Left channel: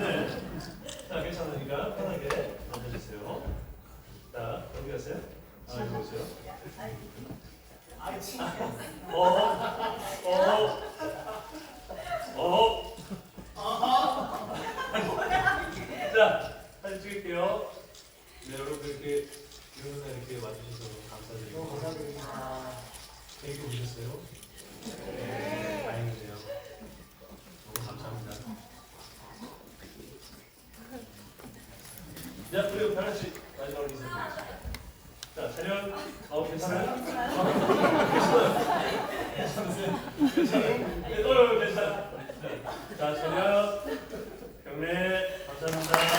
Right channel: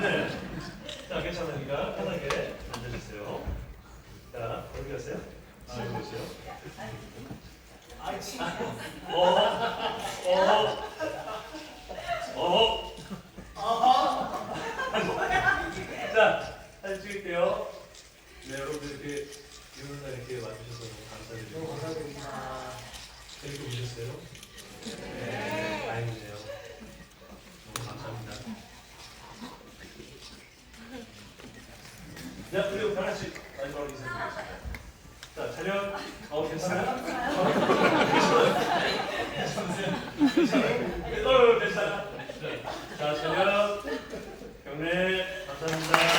네. 자, 괜찮으니까 편하게 앉아주세요. 자, 어디 가세요? 아, 오세요. 어, 어, 어. 아이고. 자, 사진 찍을게요. 네, 여러분들 이렇게 이런 날 이렇게 와주셔서 너무 감사드리고. 감사드립니다. 재밌게 보셨어요? 자, 그리고 다 같이 마지막으로 인사드리겠습니다. 자, 자녀, 어, 괜찮아요? 괜찮아요? 괜찮아요? 괜찮아요? 자, 자녀, 경례, 감사합니다.